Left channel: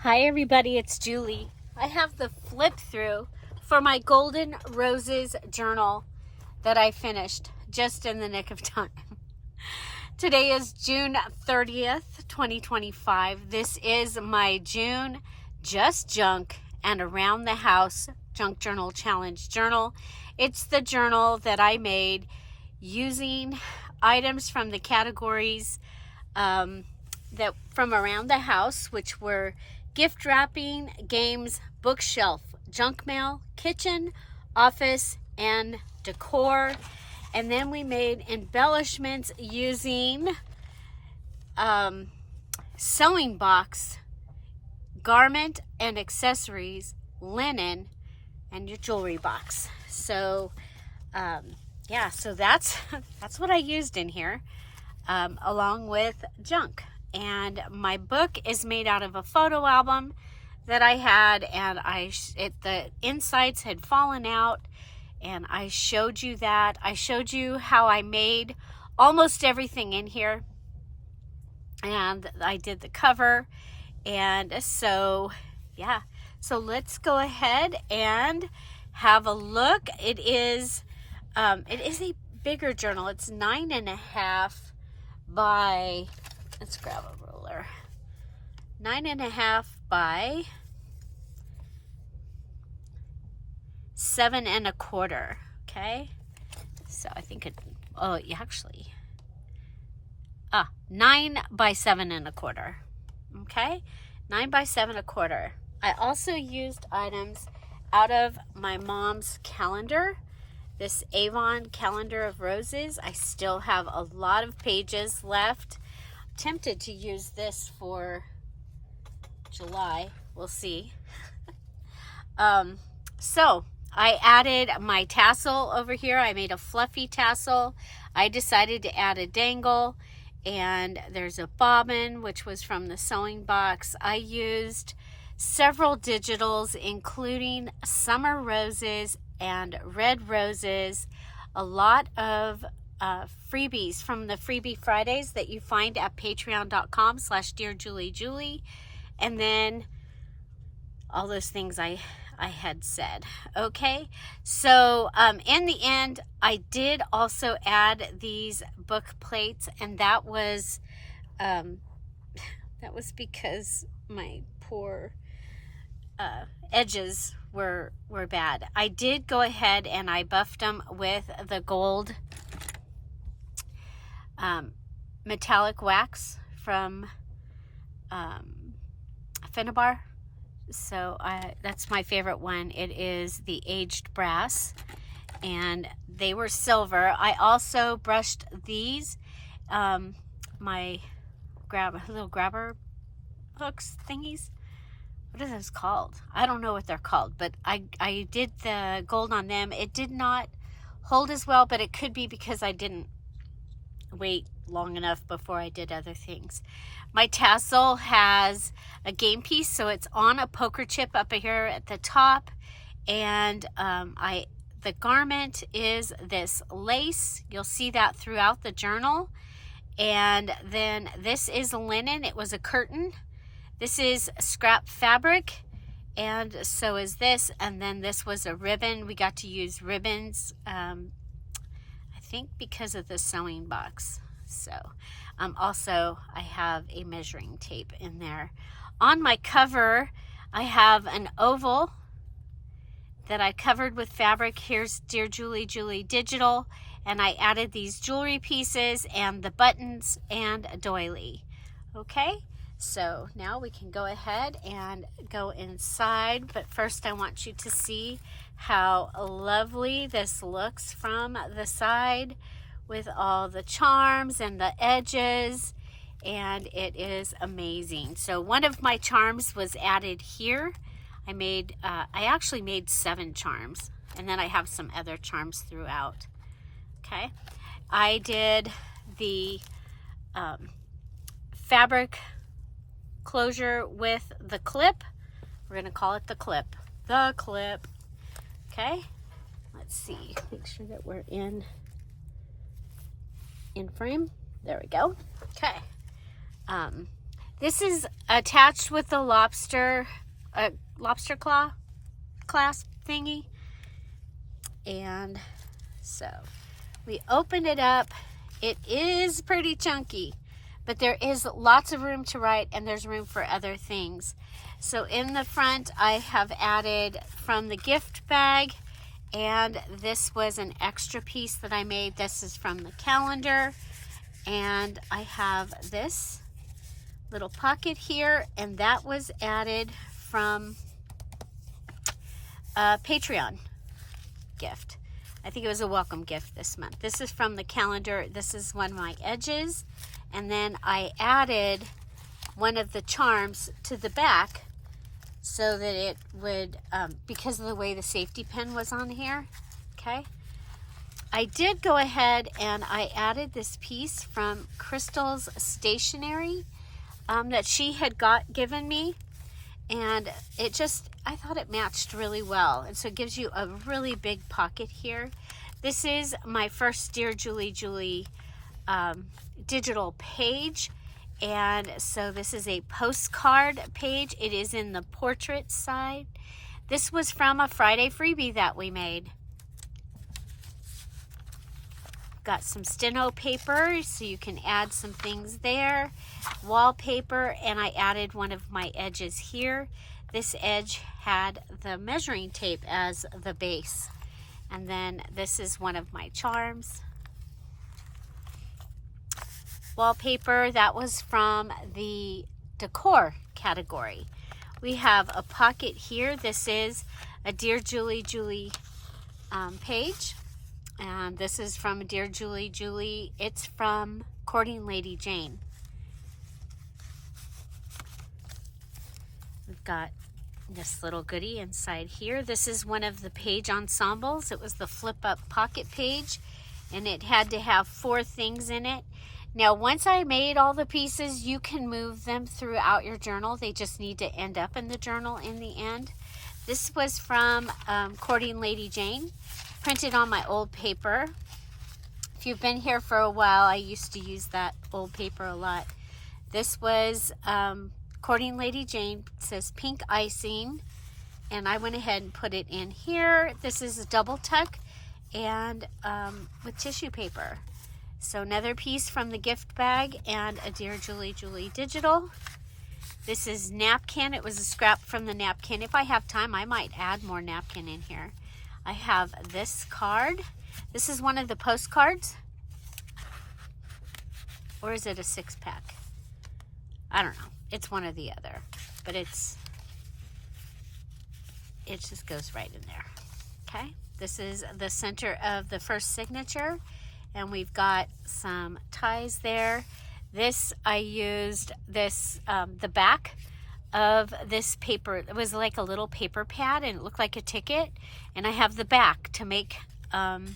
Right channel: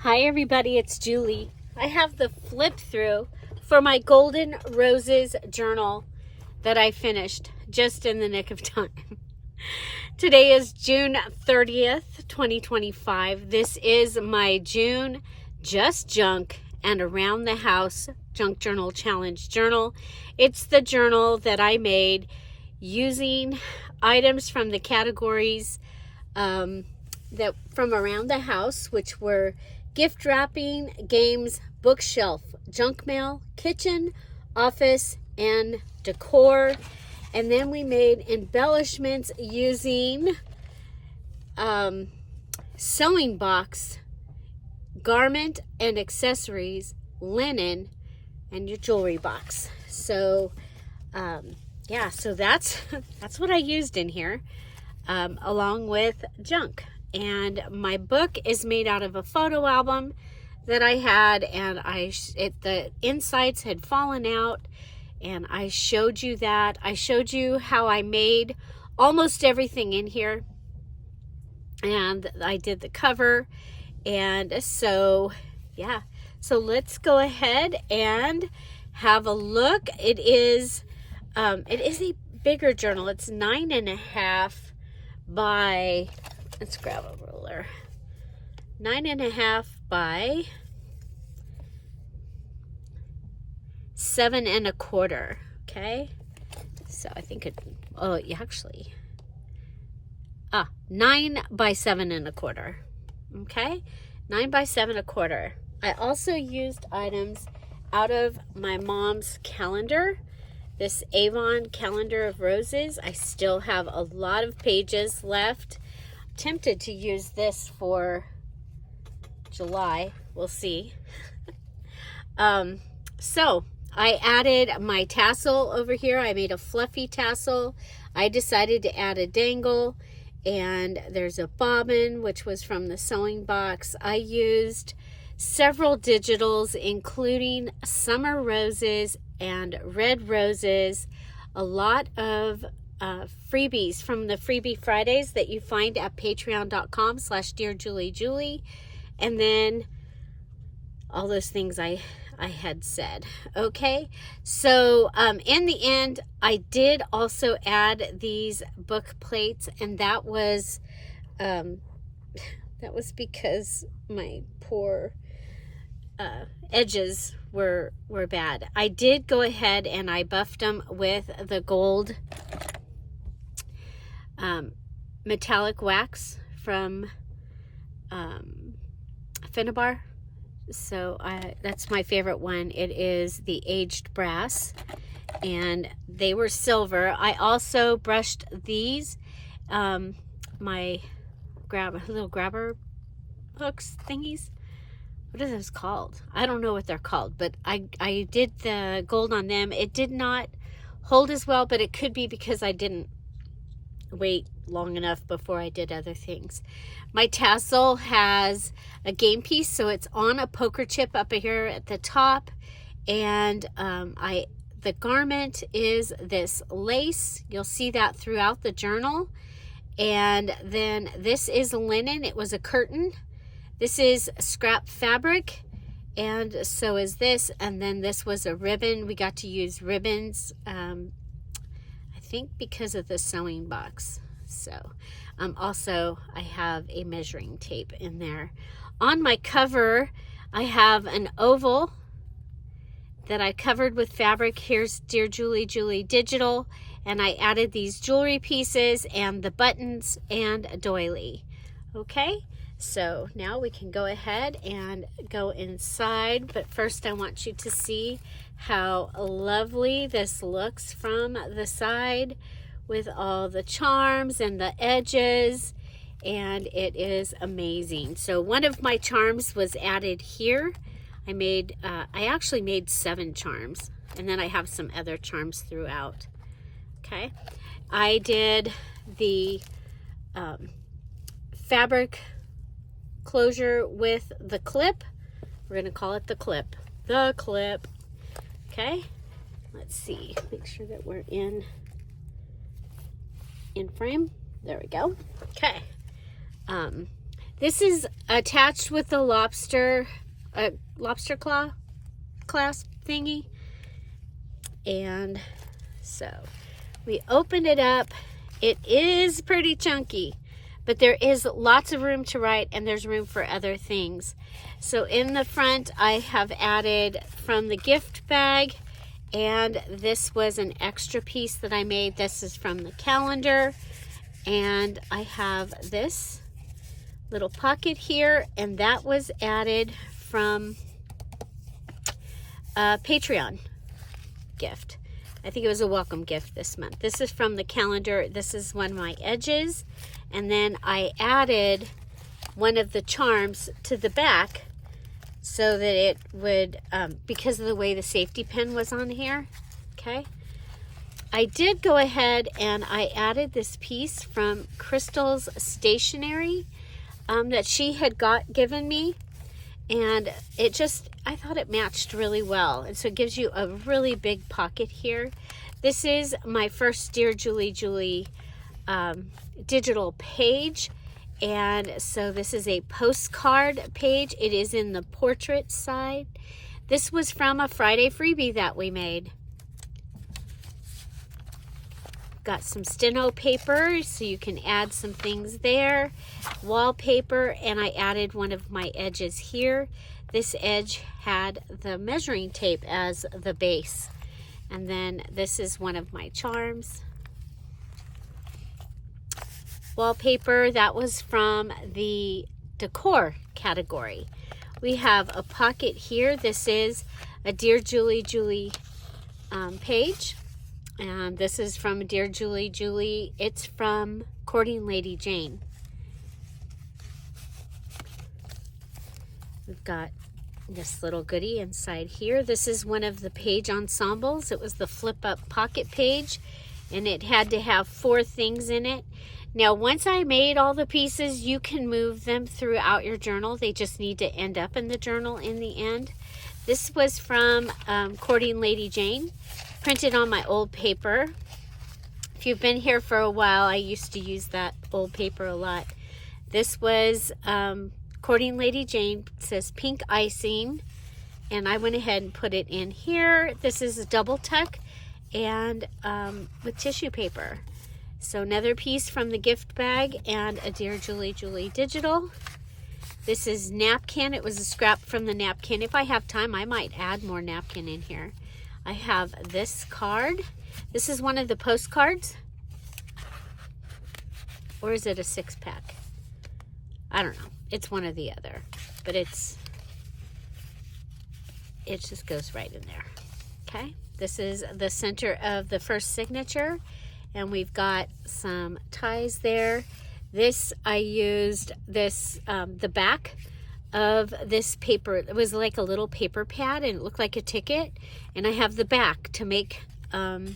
Hi everybody, it's Julie. I have the flip through for my Golden Roses journal that I finished just in the nick of time. Today is June 30th, 2025. This is my June Just Junk and Around the House Junk Journal Challenge journal. It's the journal that I made using items from the categories that from around the house, which were gift wrapping, games, bookshelf, junk mail, kitchen, office, and decor. And then we made embellishments using sewing box, garment and accessories, linen, and your jewelry box. So yeah, so that's what I used in here, along with junk. And my book is made out of a photo album that I had, and the insides had fallen out, and I showed you that. I showed you how I made almost everything in here, and I did the cover. And so yeah, so let's go ahead and have a look. It is a bigger journal. It's 9.5 by, let's grab a ruler, 9.5 by 7.25. Okay, so I think 9 by 7.25. Okay, 9 by 7.25. I also used items out of my mom's calendar, this Avon calendar of roses. I still have a lot of pages left. Tempted to use this for July, we'll see. So I added my tassel over here. I made a fluffy tassel. I decided to add a dangle, and there's a bobbin, which was from the sewing box. I used several digitals, including summer roses and red roses, a lot of freebies from the Freebie Fridays that you find at patreon.com/DearJulieJulie, and then all those things I had said. Okay, so in the end, I did also add these book plates, and that was because my poor edges were bad. I did go ahead and I buffed them with the gold metallic wax from Finnabar. So that's my favorite one. It is the aged brass, and they were silver. I also brushed these, my little grabber hooks thingies. What are those called? I don't know what they're called, but I did the gold on them. It did not hold as well, but it could be because I didn't wait long enough before I did other things. My tassel has a game piece, so it's on a poker chip up here at the top, and the garment is this lace. You'll see that throughout the journal. And then this is linen. It was a curtain. This is scrap fabric, and so is this. And then this was a ribbon. We got to use ribbons, I think because of the sewing box. So also I have a measuring tape in there. On my cover, I have an oval that I covered with fabric. Here's Dear Julie Julie Digital, and I added these jewelry pieces and the buttons and a doily. Okay, so now we can go ahead and go inside, but first I want you to see how lovely this looks from the side with all the charms and the edges, and it is amazing. So one of my charms was added here. I actually made 7 charms, and then I have some other charms throughout. Okay, I did the fabric closure with the clip. We're gonna call it the clip. The clip. Okay, let's see, make sure that we're in frame. There we go. Okay. This is attached with the lobster claw clasp thingy. And so we open it up. It is pretty chunky, but there is lots of room to write, and there's room for other things. So in the front, I have added from the gift bag, and this was an extra piece that I made. This is from the calendar, and I have this little pocket here, and that was added from a Patreon gift. I think it was a welcome gift this month. This is from the calendar. This is one of my edges, and then I added one of the charms to the back so that it would, because of the way the safety pin was on here, okay? I did go ahead and I added this piece from Crystal's Stationery that she had given me, and it just, I thought it matched really well. And so it gives you a really big pocket here. This is my first Dear Julie Julie digital page. And so this is a postcard page. It is in the portrait side. This was from a Friday freebie that we made. Got some steno paper, so you can add some things there. Wallpaper, and I added one of my edges here. This edge had the measuring tape as the base. And then this is one of my charms. Wallpaper, that was from the decor category. We have a pocket here. This is a Dear Julie Julie page. And this is from Dear Julie Julie. It's from Courting Lady Jane. We've got this little goodie inside here. This is one of the page ensembles. It was the flip up pocket page, and it had to have 4 things in it. Now, once I made all the pieces, you can move them throughout your journal. They just need to end up in the journal in the end. This was from Courting Lady Jane, printed on my old paper. If you've been here for a while, I used to use that old paper a lot. This was Courting Lady Jane. It says pink icing, and I went ahead and put it in here. This is a double tuck and with tissue paper. So another piece from the gift bag and a Dear Julie Julie digital. This is napkin. It was a scrap from the napkin. If I have time, I might add more napkin in here. I have this card. This is one of the postcards. Or is it a 6-pack? I don't know. It's one or the other. But it just goes right in there. Okay. This is the center of the first signature. And we've got some ties there. This, I used this, the back of this paper. It was like a little paper pad, and it looked like a ticket. And I have the back to make, to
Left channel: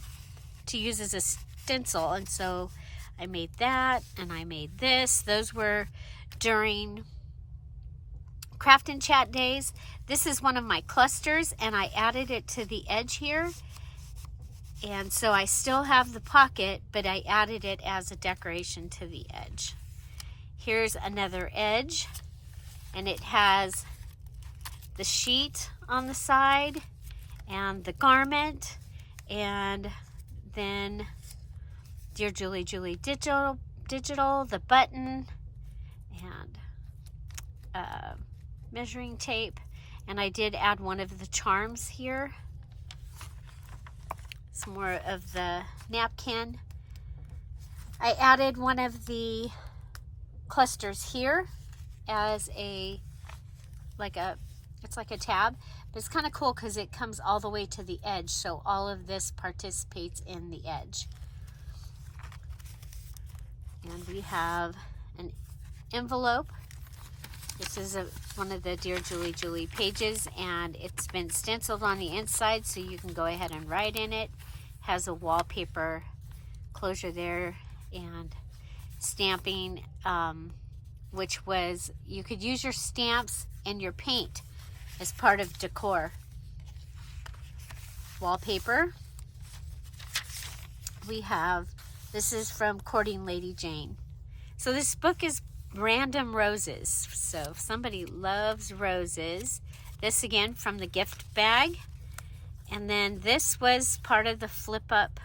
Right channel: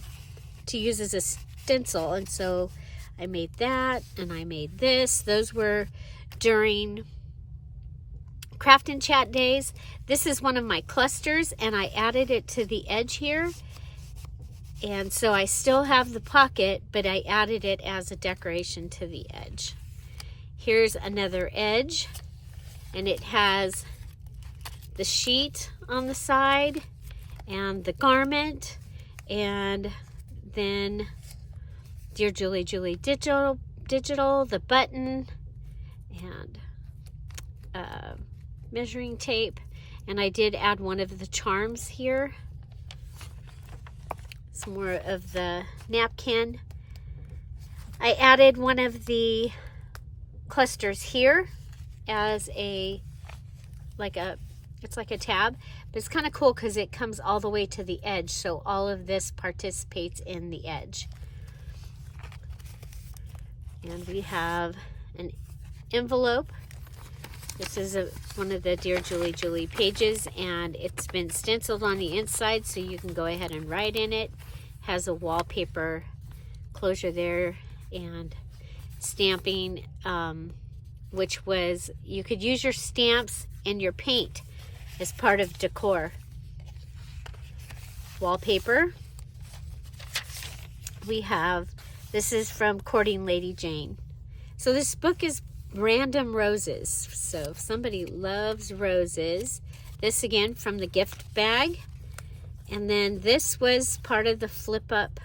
use as a stencil. And so I made that, and I made this. Those were during Craft and Chat days. This is one of my clusters, and I added it to the edge here. And so I still have the pocket, but I added it as a decoration to the edge. Here's another edge, and it has the sheet on the side and the garment, and then Dear Julie Julie digital, the button, and measuring tape. And I did add one of the charms here. Some more of the napkin. I added one of the clusters here as it's like a tab, but it's kind of cool because it comes all the way to the edge, so all of this participates in the edge. And we have an envelope. This is one of the Dear Julie Julie pages, and it's been stenciled on the inside, so you can go ahead and write in it. Has a wallpaper closure there and stamping, which was, you could use your stamps and your paint as part of decor. Wallpaper. We have, this is from Courting Lady Jane. So this book is random roses. So if somebody loves roses, this again from the gift bag. And then this was part of the flip up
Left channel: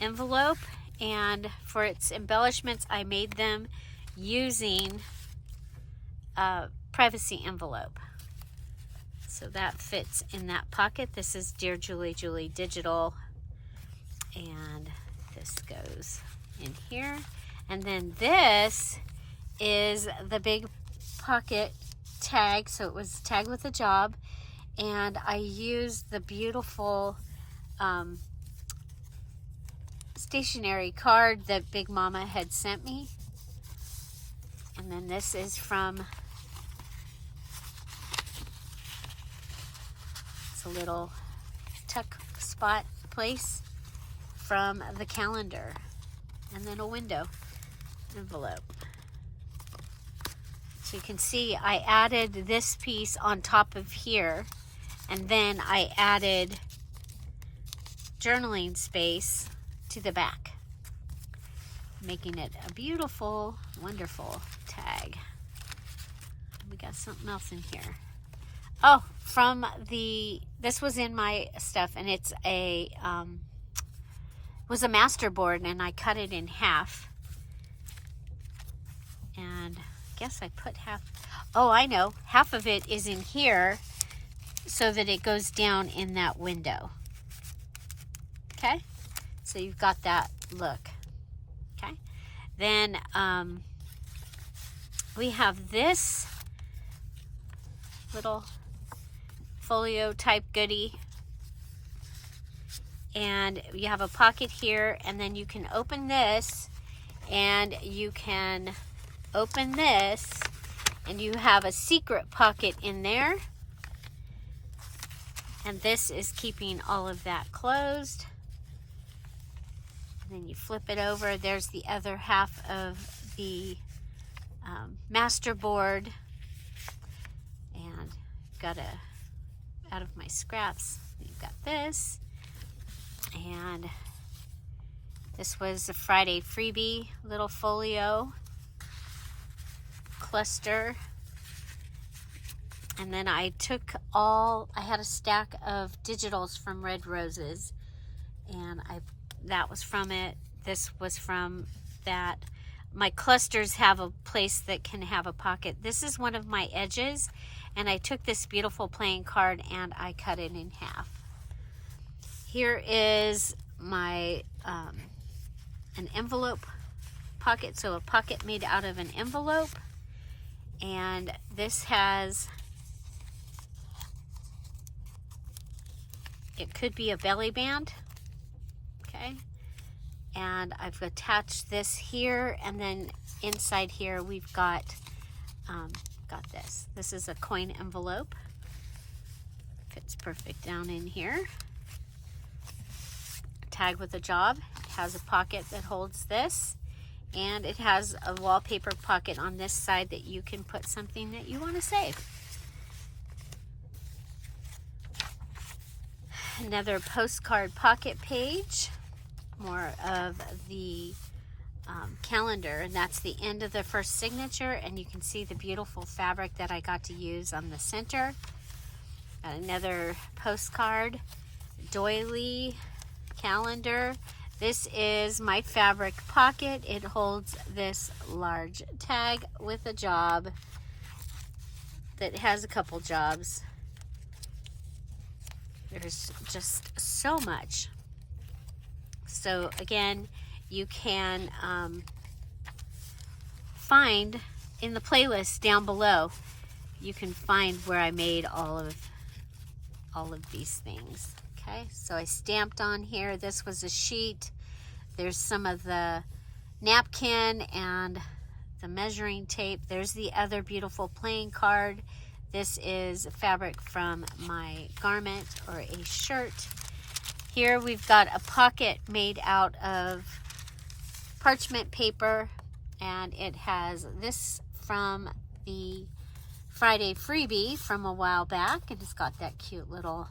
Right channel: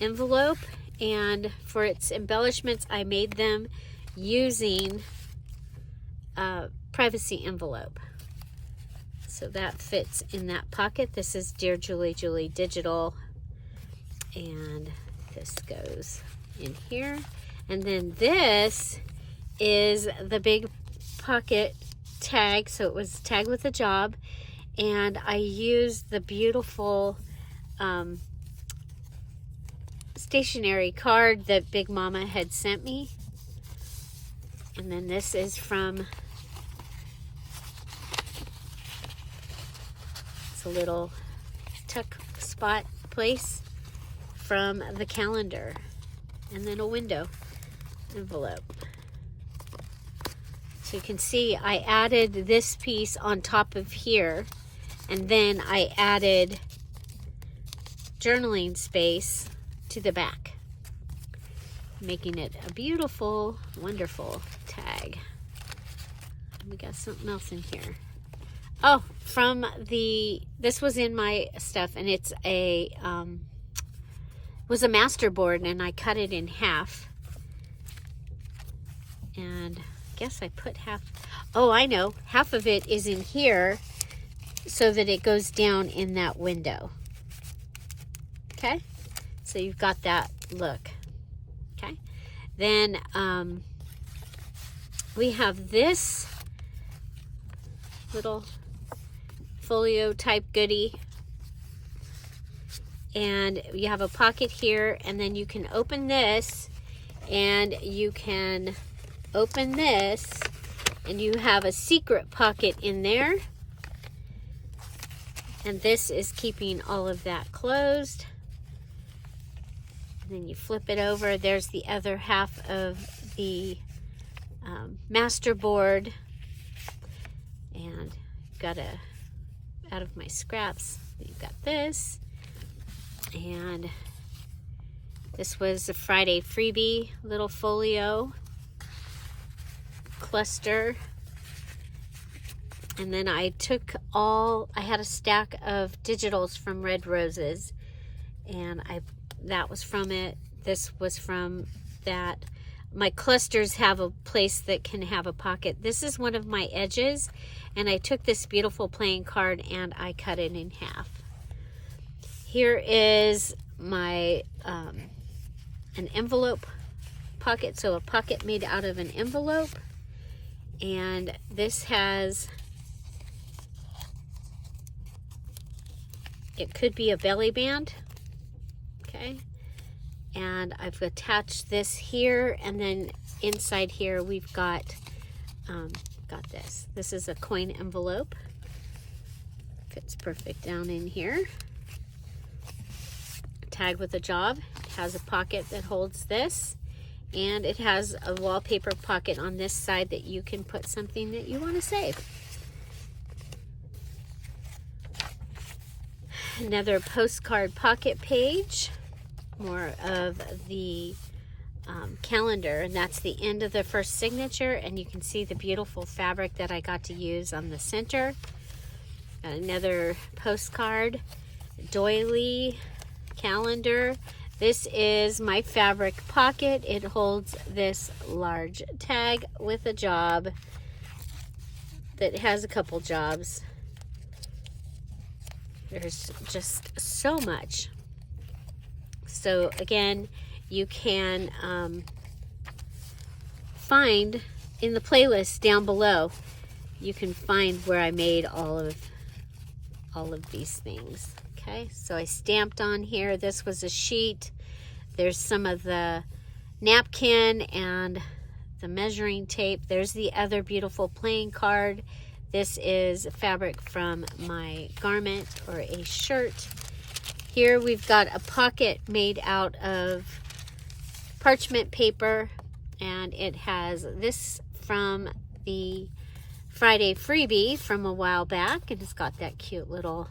envelope, and for its embellishments I made them using a privacy envelope. So that fits in that pocket. This is Dear Julie Julie Digital, and this goes in here. And then this is the big pocket tag, so it was tagged with a job, and I used the beautiful stationery card that Big Mama had sent me. And then this is from, it's a little tuck spot place from the calendar, and then a window envelope. So you can see I added this piece on top of here, and then I added journaling space to the back, making it a beautiful, wonderful tag. We got something else in here. Oh, from this was in my stuff, and it's a was a master board, and I cut it in half, and I guess I put half, oh I know, half of it is in here so that it goes down in that window. Okay, so you've got that look. Okay, then we have this little folio type goodie, and you have a pocket here, and then you can open this, and you can open this, and you have a secret pocket in there, and this is keeping all of that closed. And then you flip it over, there's the other half of the master board, and got out of my scraps, you've got this, and this was a Friday freebie little folio cluster. And then I took I had a stack of digitals from Red Roses, and that was from it. This was from that. My clusters have a place that can have a pocket. This is one of my edges, and I took this beautiful playing card and I cut it in half. Here is my an envelope pocket, so a pocket made out of an envelope, and this has, it could be a belly band, okay, and I've attached this here, and then inside here we've got this. This is a coin envelope, fits perfect down in here. Tag with a job, it has a pocket that holds this, and it has a wallpaper pocket on this side that you can put something that you want to save. Another postcard pocket page, more of the calendar, and that's the end of the first signature, and you can see the beautiful fabric that I got to use on the center. Another postcard, doily, calendar. This is my fabric pocket. It holds this large tag with a job that has a couple jobs. There's just so much. So again, you can find in the playlist down below, you can find where I made all of these things. Okay, so I stamped on here. This was a sheet. There's some of the napkin and the measuring tape. There's the other beautiful playing card. This is fabric from my garment or a shirt. Here we've got a pocket made out of parchment paper, and it has this from the Friday freebie from a while back, and it's got that cute little,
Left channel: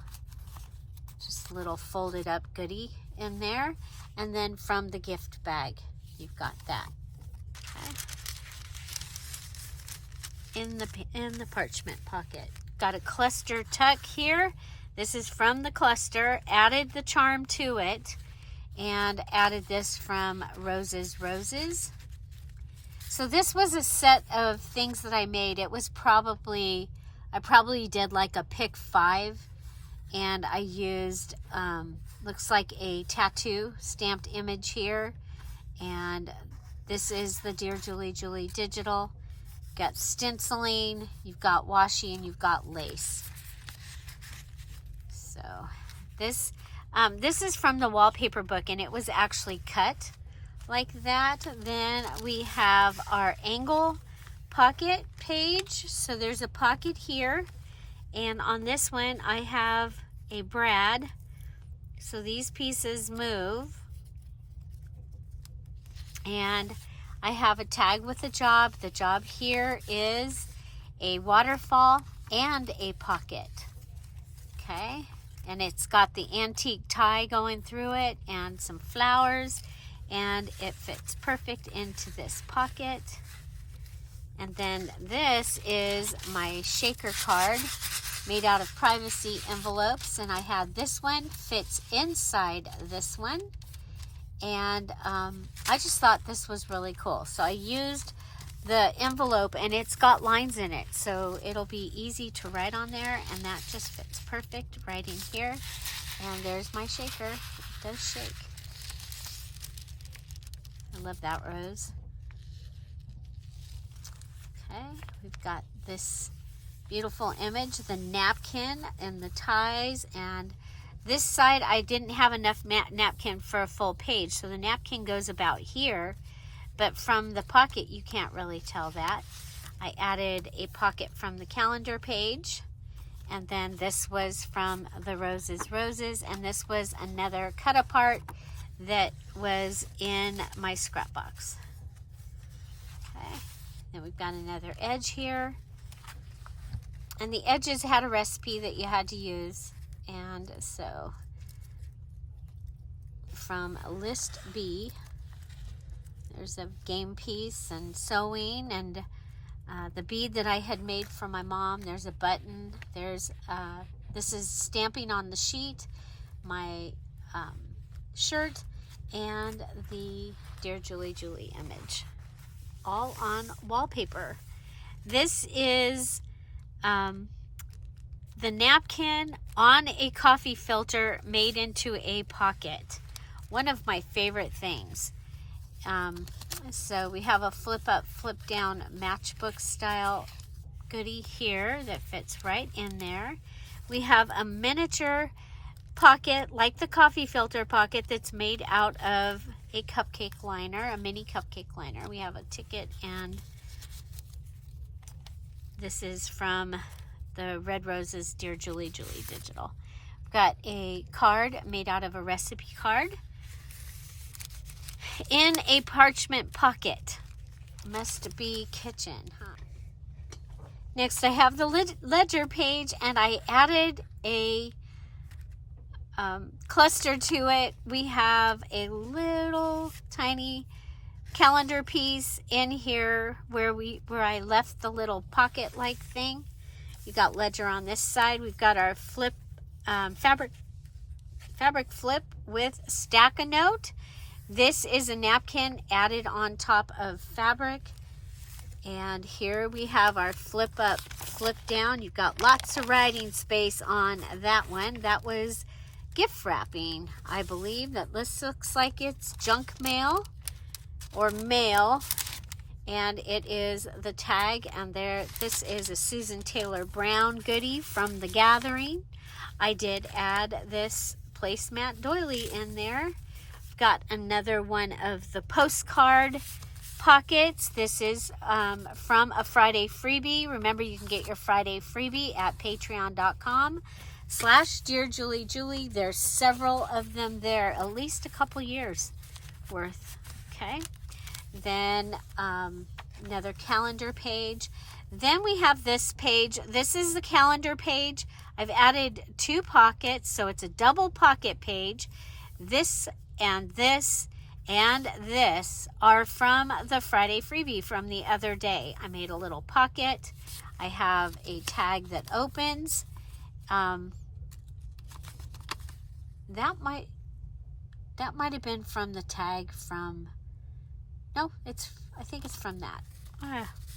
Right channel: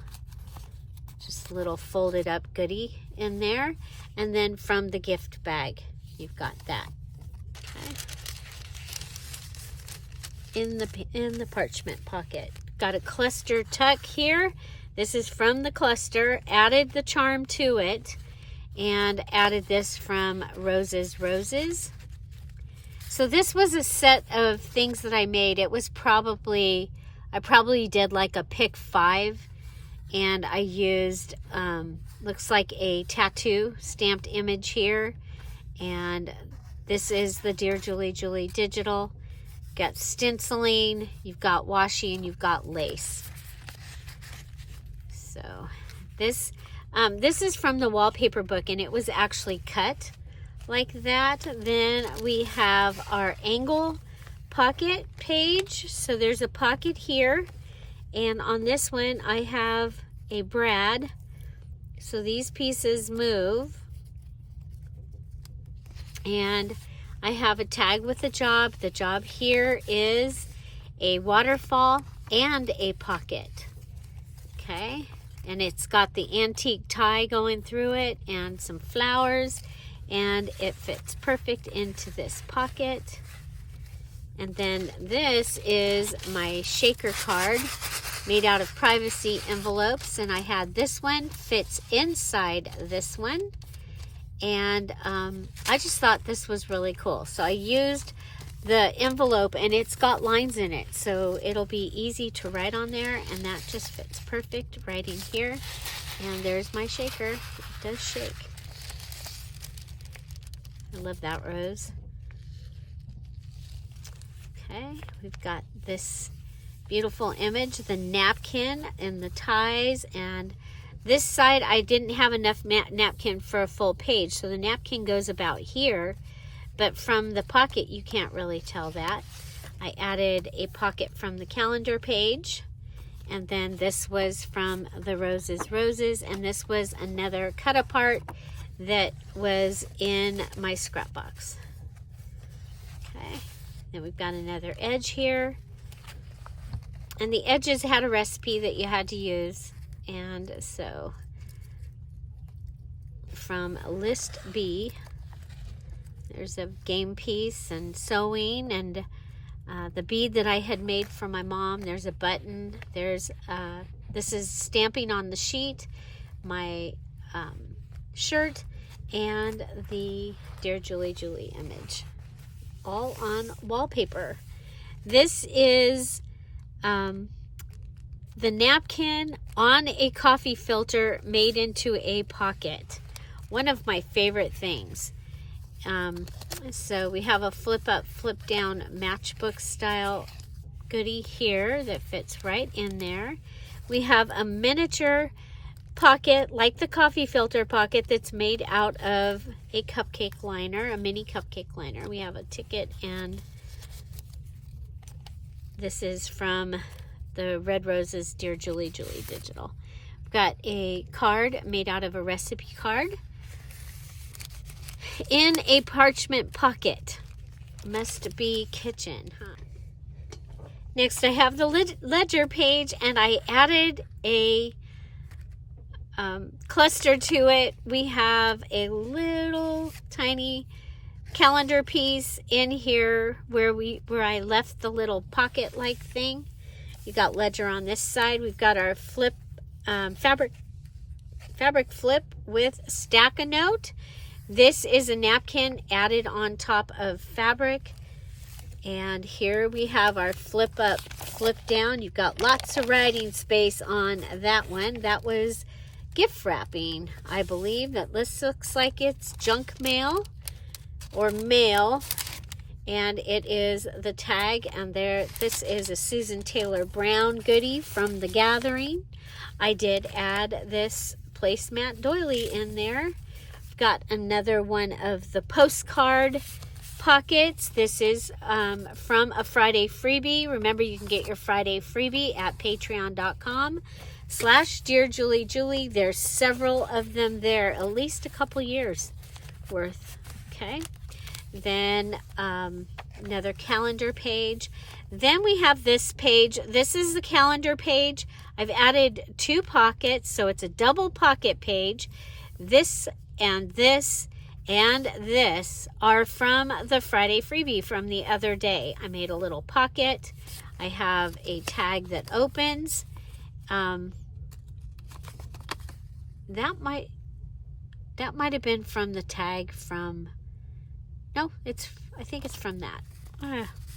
just a little folded up goodie in there. And then from the gift bag, you've got that. Okay. in the parchment pocket. Got a cluster tuck here. This is from the cluster. Added the charm to it, and added this from Roses. So this was a set of things that I made. It was probably, I probably did like a pick 5, and I used, looks like a tattoo stamped image here. And this is the Dear Julie Julie digital. Got stenciling, you've got washi, and you've got lace. So this is from the wallpaper book, and it was actually cut like that. Then we have our angle pocket page. So there's a pocket here, and on this one I have a brad. So these pieces move, and I have a tag with the job. The job here is a waterfall and a pocket. Okay, and it's got the antique tie going through it and some flowers, and it fits perfect into this pocket. And then this is my shaker card made out of privacy envelopes, and I had this one fits inside this one. And I just thought this was really cool. So I used the envelope, and it's got lines in it, so it'll be easy to write on there, and that just fits perfect right in here. And there's my shaker. It does shake. I love that rose. Okay, we've got this beautiful image, the napkin and the ties, and this side I didn't have enough napkin for a full page, so the napkin goes about here, but from the pocket you can't really tell that. I added a pocket from the calendar page, and then this was from the Roses, and this was another cut apart that was in my scrap box. Okay, then we've got another edge here, and the edges had a recipe that you had to use. And so from list B, there's a game piece and sewing, and the bead that I had made for my mom. There's a button. There's this is stamping on the sheet, my shirt, and the Dear Julie Julie image, all on wallpaper. This is the napkin on a coffee filter made into a pocket. One of my favorite things. So we have a flip up, flip down matchbook style goodie here that fits right in there. We have a miniature pocket like the coffee filter pocket that's made out of a cupcake liner, a mini cupcake liner. We have a ticket, and this is from the Red Roses Dear Julie Julie digital. We've got a card made out of a recipe card in a parchment pocket. Must be kitchen, huh? Next I have the ledger page, and I added a cluster to it. We have a little tiny calendar piece in here where I left the little pocket like thing. We got ledger on this side. We've got our flip fabric flip with stack-a-note. This is a napkin added on top of fabric. And here we have our flip up, flip down. You've got lots of writing space on that one. That was gift wrapping, I believe. This looks like it's junk mail or mail. And it is the tag, and this is a Susan Taylor Brown goodie from The Gathering. I did add this placemat doily in there. I've got another one of the postcard pockets. This is from a Friday freebie. Remember, you can get your Friday freebie at patreon.com/DearJulieJulie. There's several of them there, at least a couple years worth. Okay. Then another calendar page. Then we have this page. This is the calendar page. I've added 2 pockets, so it's a double pocket page. This and this, and this are from the Friday freebie from the other day. I made a little pocket. I have a tag that opens. That might have been from the tag from, no, I think it's from that.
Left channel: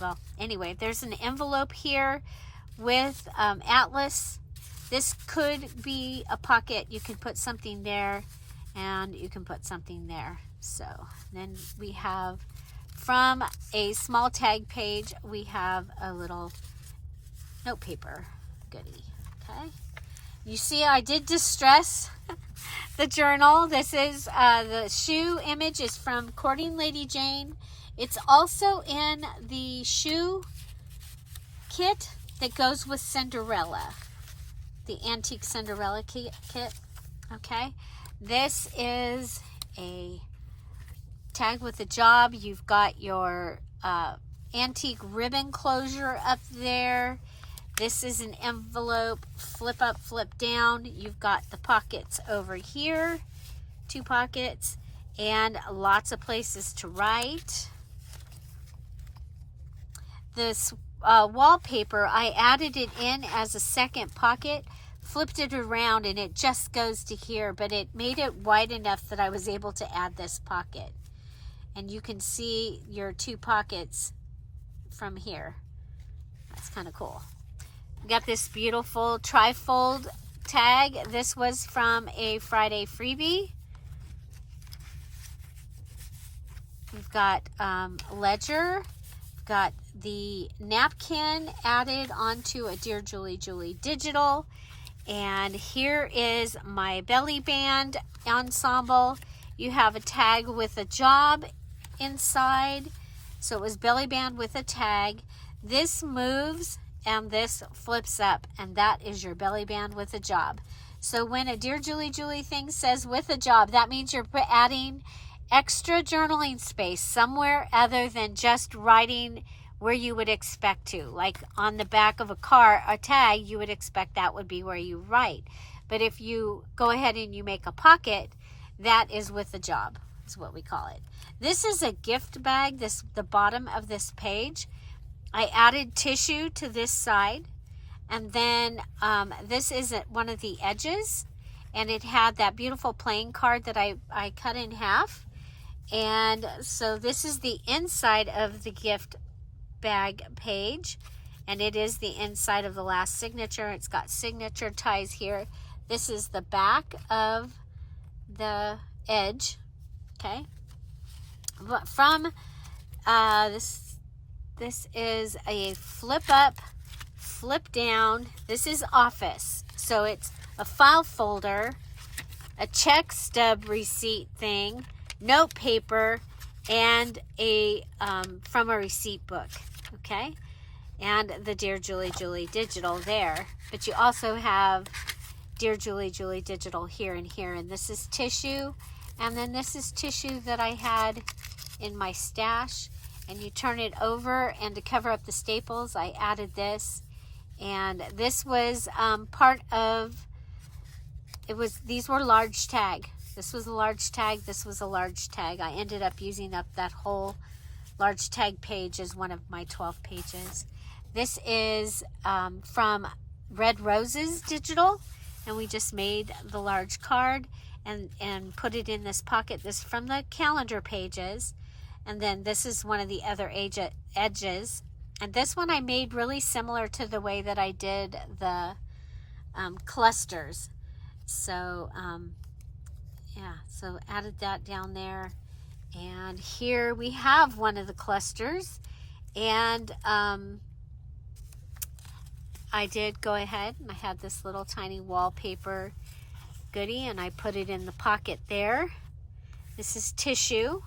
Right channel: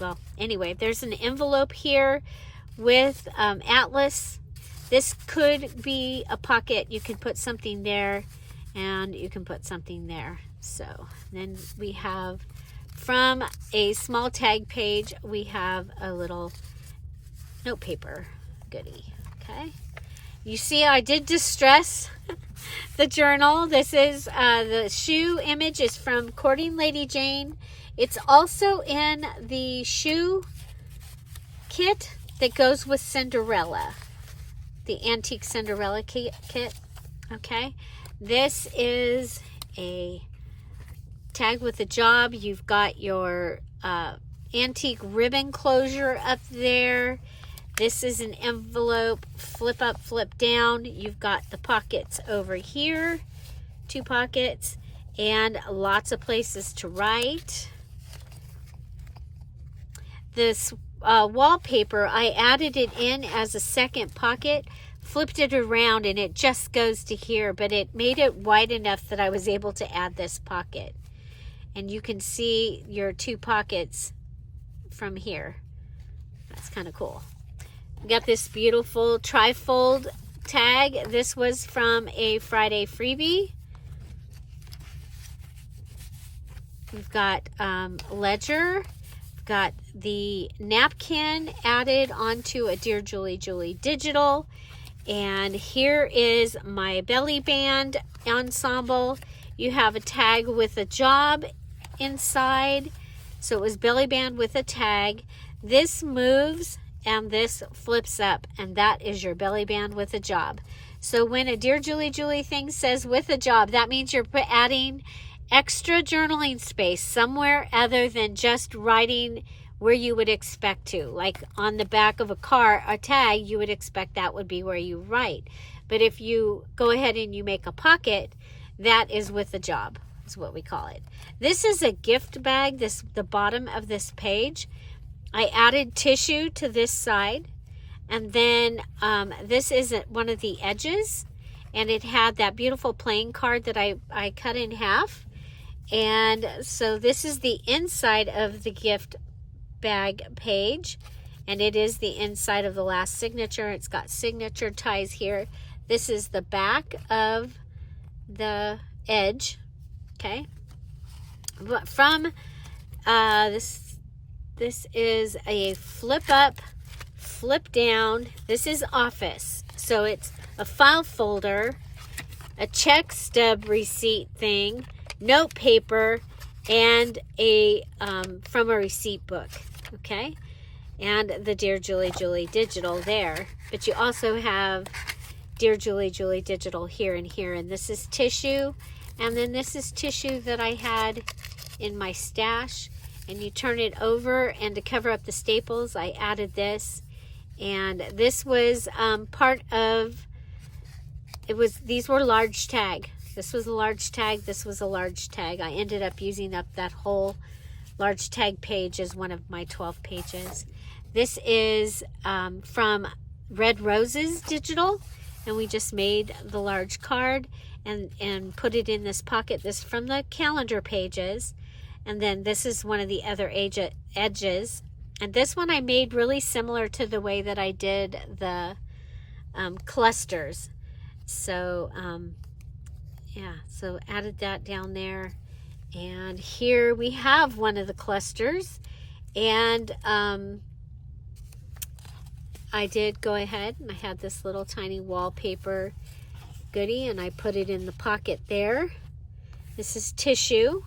Well, anyway, there's an envelope here with Atlas. This could be a pocket. You can put something there, and you can put something there. So then we have, from a small tag page, we have a little note paper goodie. Okay, you see I did distress the journal. This is the shoe image is from Courting Lady Jane. It's also in the shoe kit that goes with Cinderella, the antique Cinderella kit. Okay, this is a tag with a job. You've got your antique ribbon closure up there. This is an envelope, flip up, flip down. You've got the pockets over here, 2 pockets, and lots of places to write. This wallpaper, I added it in as a second pocket, flipped it around, and it just goes to here, but it made it wide enough that I was able to add this pocket. And you can see your 2 pockets from here. That's kind of cool. We got this beautiful trifold tag. This was from a Friday freebie. We've got ledger. We've got the napkin added onto a Dear Julie Julie digital. And here is my belly band ensemble. You have a tag with a job inside. So it was belly band with a tag. This moves and this flips up, and that is your belly band with a job. So when a Dear Julie Julie thing says with a job, that means you're adding extra journaling space somewhere other than just writing where you would expect to. Like on the back of a car, a tag, you would expect that would be where you write. But if you go ahead and you make a pocket, that is with a job, is what we call it. This is a gift bag, the bottom of this page. I added tissue to this side, and then this is one of the edges, and it had that beautiful playing card that I cut in half. And so this is the inside of the gift bag page, and it is the inside of the last signature. It's got signature ties here. This is the back of the edge. Okay, but from this is a flip up, flip down. This is office, so it's a file folder, a check stub receipt thing, note paper, and a from a receipt book. Okay, and the Dear Julie Julie digital there. But you also have Dear Julie Julie digital here and here, and this is tissue, and then this is tissue that I had in my stash. And you turn it over, and to cover up the staples, I added this. And this was part of, these were large tag. This was a large tag, this was a large tag. I ended up using up that whole large tag page as one of my 12 pages. This is from Red Roses Digital, and we just made the large card and put it in this pocket. This is from the calendar pages. And then this is one of the other edges. And this one I made really similar to the way that I did the clusters. So, yeah, so added that down there. And here we have one of the clusters. And I did go ahead and I had this little tiny wallpaper goodie, and I put it in the pocket there. This is tissue.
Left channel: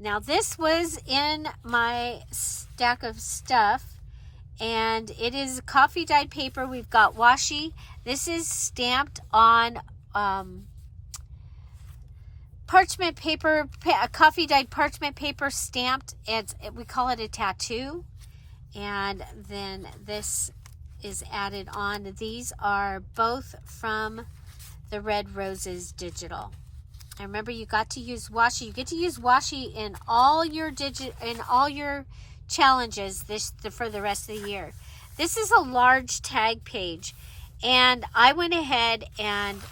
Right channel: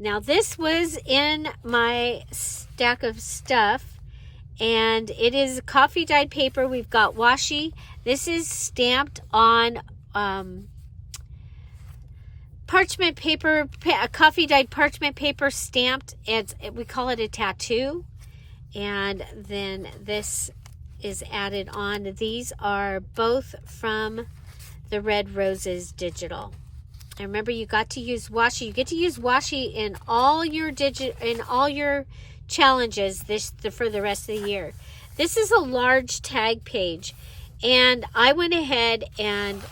Now this was in my stack of stuff, and it is coffee dyed paper. We've got washi. This is stamped on parchment paper, coffee dyed parchment paper stamped. We call it a tattoo. And then this is added on. These are both from the Red Roses Digital. And remember, you got to use washi. You get to use washi in all your challenges for the rest of the year. This is a large tag page, and I went ahead and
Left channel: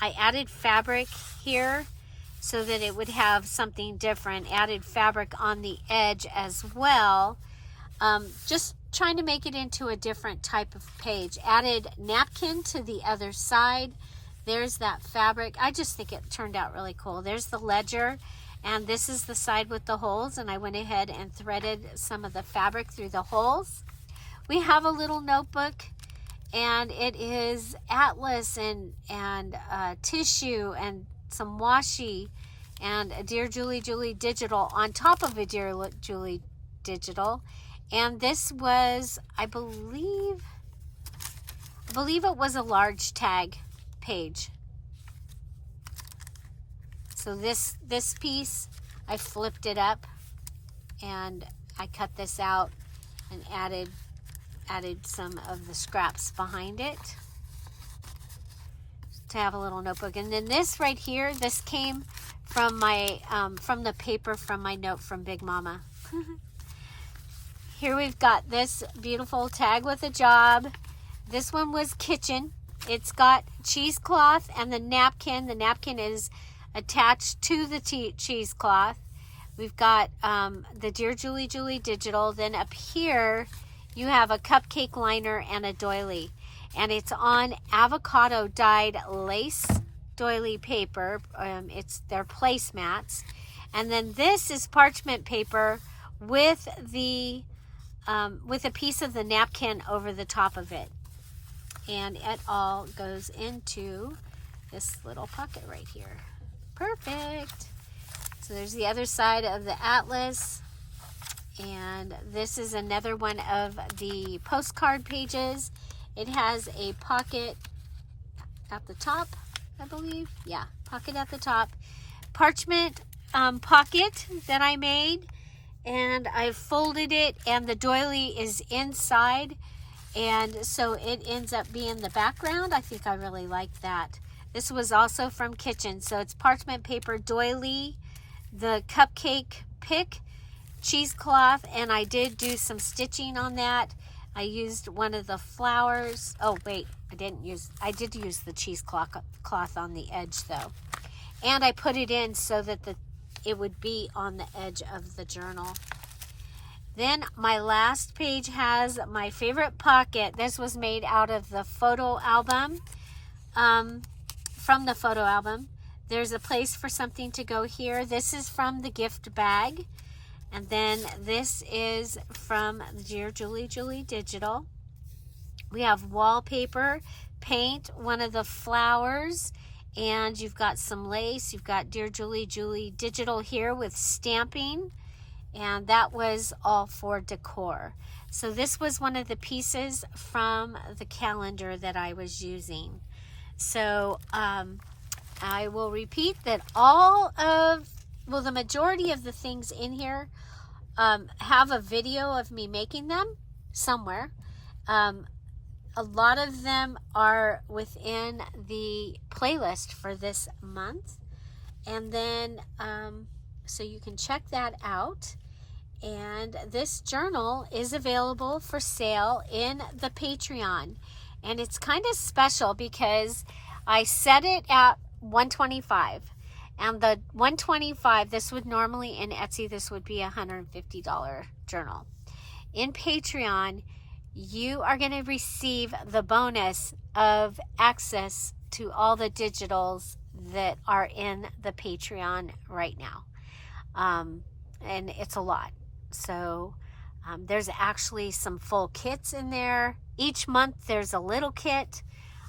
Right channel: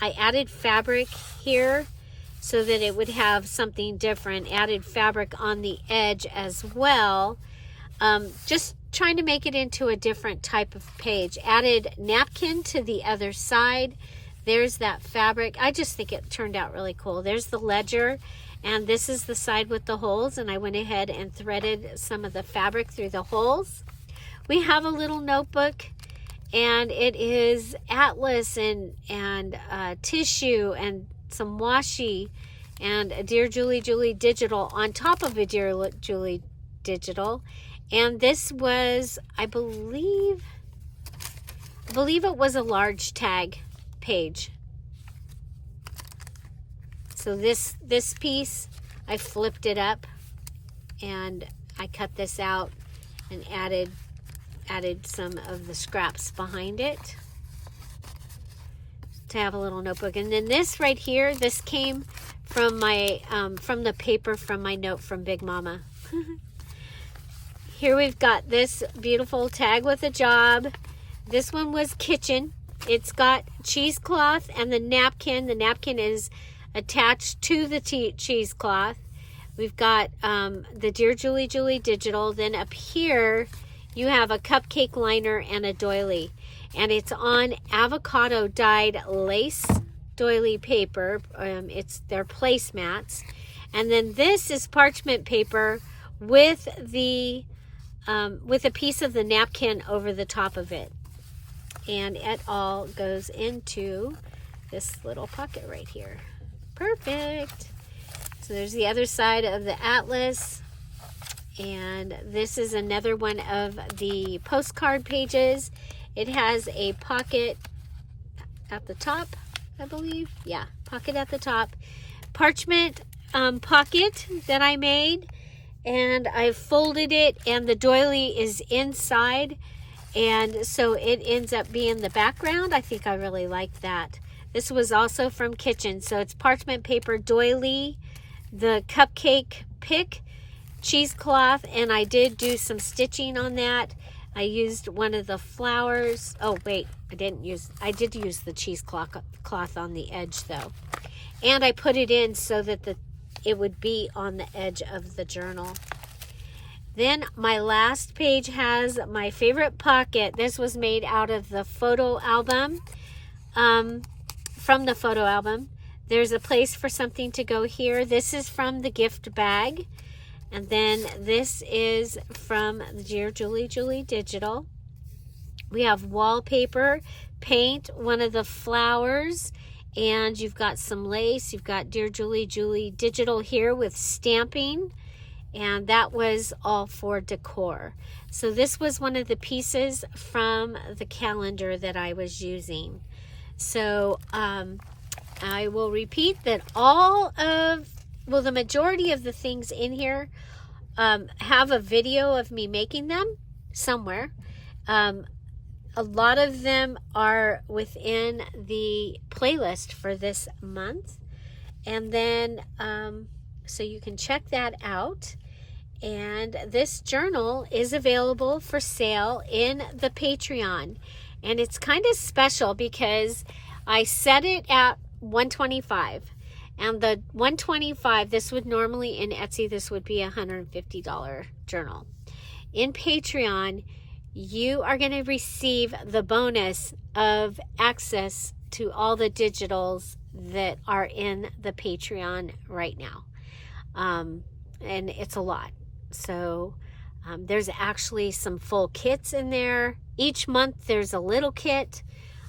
I added fabric here so that it would have something different. Added fabric on the edge as well. Just trying to make it into a different type of page. Added napkin to the other side. There's that fabric. I just think it turned out really cool. There's the ledger, and this is the side with the holes, and I went ahead and threaded some of the fabric through the holes. We have a little notebook, and it is atlas and tissue and some washi and a Dear Julie Julie digital on top of a Dear Julie digital. And this was, I believe it was a large tag page. So this piece, I flipped it up and I cut this out and added some of the scraps behind it to have a little notebook. And then this right here, this came from my from the paper from my note from Big Mama. Here we've got this beautiful tag with a job. This one was kitchen. It's got cheesecloth and the napkin. The napkin is attached to the cheesecloth. We've got the Dear Julie Julie digital. Then up here, you have a cupcake liner and a doily. And it's on avocado dyed lace doily paper. They're placemats. And then this is parchment paper with a piece of the napkin over the top of it. And it all goes into this little pocket right here. Perfect. So there's the other side of the atlas. And this is another one of the postcard pages. It has a pocket at the top, I believe. Yeah, pocket at the top. Parchment pocket that I made. And I folded it, and the doily is inside, and so it ends up being the background. I think I really like that. This was also from kitchen, so it's parchment paper doily, the cupcake pick, cheesecloth, and I did do some stitching on that. I used one of the flowers. Oh wait, I did use the cheesecloth on the edge though, and I put it in so that it would be on the edge of the journal. Then my last page has my favorite pocket. This was made out of the photo album, from the photo album. There's a place for something to go here. This is from the gift bag. And then this is from the Dear Julie Julie digital. We have wallpaper, paint, one of the flowers, and you've got some lace. You've got Dear Julie Julie digital here with stamping, and that was all for decor. So this was one of the pieces from the calendar that I was using. So I will repeat that the majority of the things in here have a video of me making them somewhere. A lot of them are within the playlist for this month. And then, so you can check that out. And this journal is available for sale in the Patreon. And it's kind of special because I set it at $125. And the $125, this would normally in Etsy, this would be a $150 journal. In Patreon, you are going to receive the bonus of access to all the digitals that are in the Patreon right now. And it's a lot. So there's actually some full kits in there. Each month there's a little kit.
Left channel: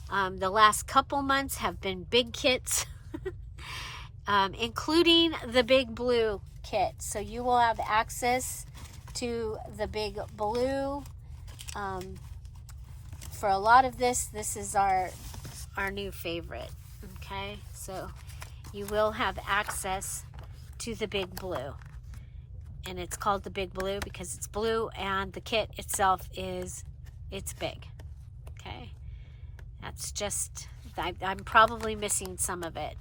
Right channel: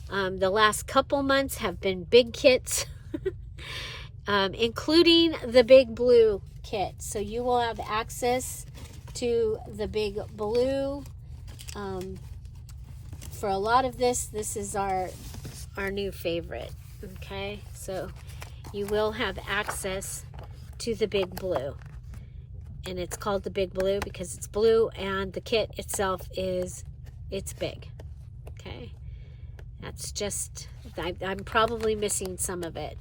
The last couple months have been big kits, including the big blue kit. So you will have access to the big blue. For a lot of this is our new favorite. Okay, so you will have access to the big blue, and it's called the big blue because it's blue, and the kit itself it's big. Okay, that's just I'm probably missing some of it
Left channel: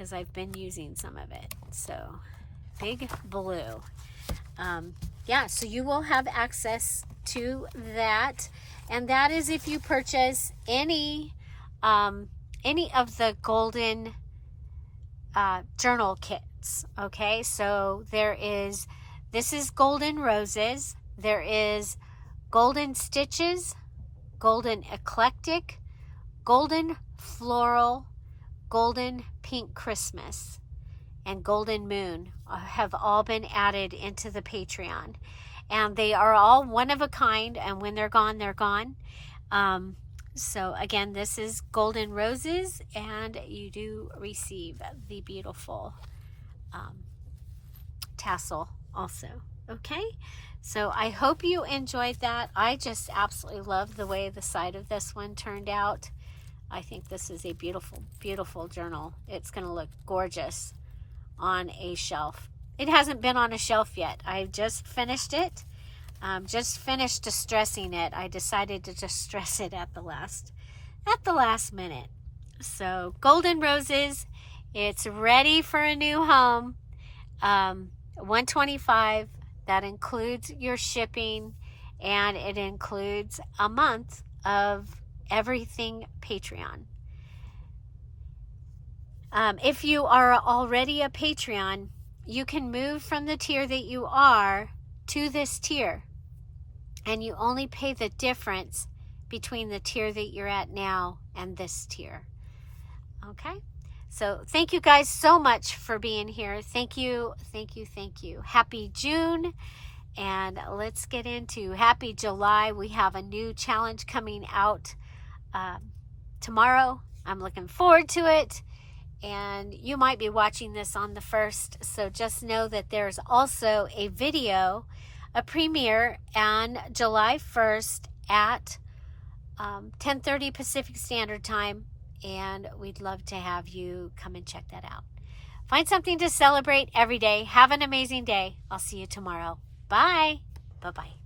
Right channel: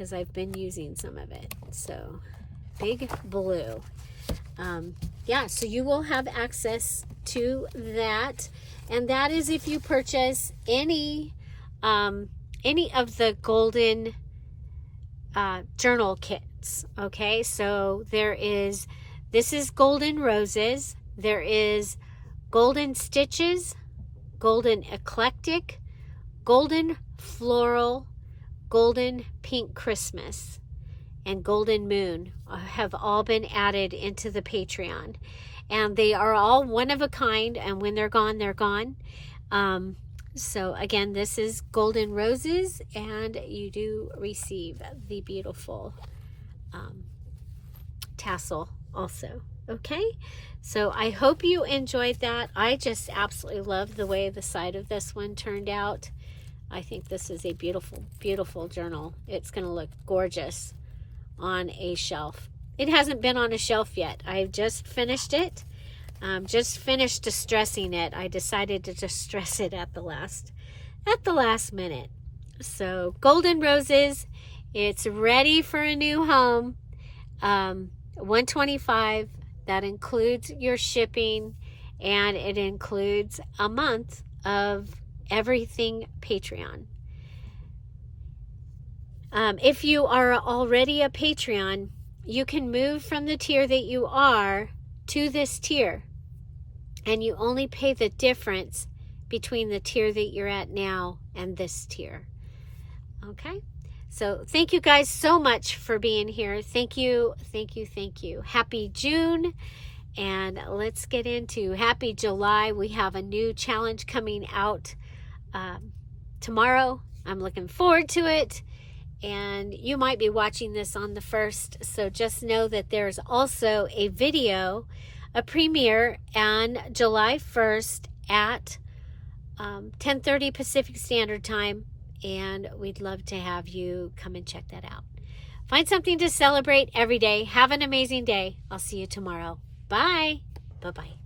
because I've been using some of it. So big blue. Yeah, so you will have access to that, and that is if you purchase any of the golden journal kits. Okay, so this is golden roses, there is golden stitches, golden eclectic, golden floral, golden pink Christmas, and golden moon have all been added into the Patreon, and they are all one of a kind, and when they're gone, they're gone. So again, this is golden roses, and you do receive the beautiful tassel also. Okay, so I hope you enjoyed that. I just absolutely love the way the side of this one turned out. I think this is a beautiful, beautiful journal. It's going to look gorgeous on a shelf. It hasn't been on a shelf yet. I've just finished it. Just finished distressing it. I decided to distress it at the last minute. So golden roses, it's ready for a new home. $125. That includes your shipping, and it includes a month of everything Patreon. If you are already a Patreon, you can move from the tier that you are to this tier, and you only pay the difference between the tier that you're at now and this tier. Okay, so thank you guys so much for being here. Thank you, thank you, thank you. Happy June, and let's get into happy July. We have a new challenge coming out tomorrow. I'm looking forward to it, and you might be watching this on the 1st, so just know that there's also a video, a premiere on July 1st at 10:30 Pacific Standard Time, and we'd love to have you come and check that out. Find something to celebrate every day. Have an amazing day. I'll see you tomorrow. Bye. Bye-bye.